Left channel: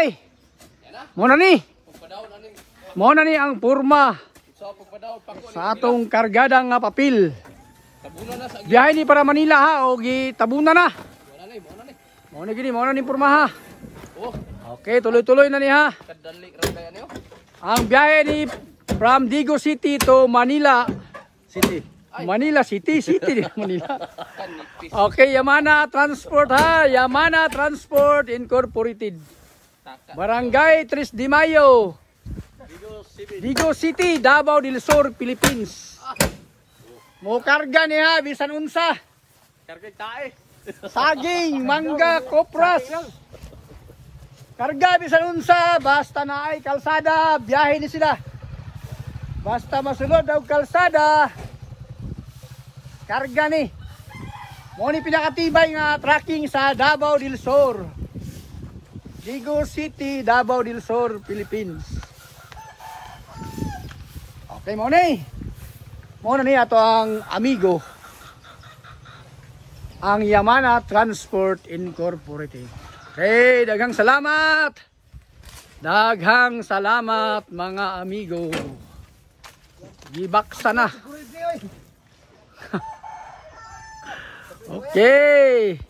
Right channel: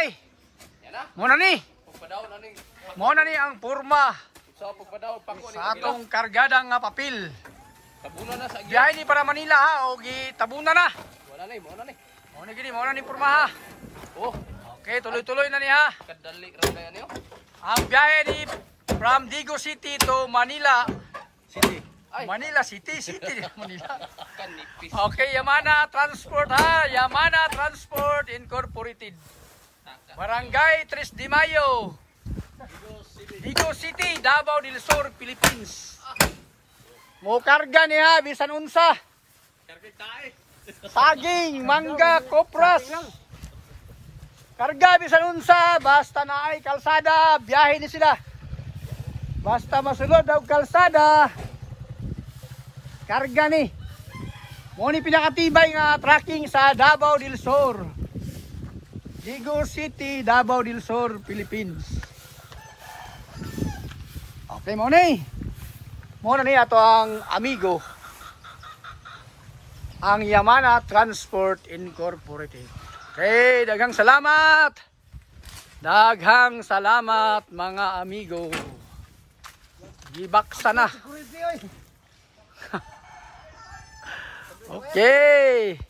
day. Muna ni ang purma sa atong kargadang nga papel. Biyahe ni para Manila ha o gitabuna na. Muna ni purma ha. Okay, tuloy-tuloy na ni ha. Ang biyahe ni from Digo City to Manila City. Manila City Manila. Okay, Yamana Transport ha. Yamana Transport Incorporated. Barangay 3 de Mayo. Digo City, Davao del Sur, Philippines. Mo karga niya bisan unsa. Saging, mangga, kopras. Karga bisan unsa, basta na ay kalsada, biyahe ni sila. Basta masulod og kalsada. Karga ni. Mo ni pinakatibay nga tracking sa Davao del Sur. Digo City, Davao del Sur, Philippines. Okay, mo ni. Mo na ni ato ang amigo. Ang Yamana Transport Incorporated. Okay, daghang salamat. Daghang salamat mga amigo. Gibaksa na. Okay.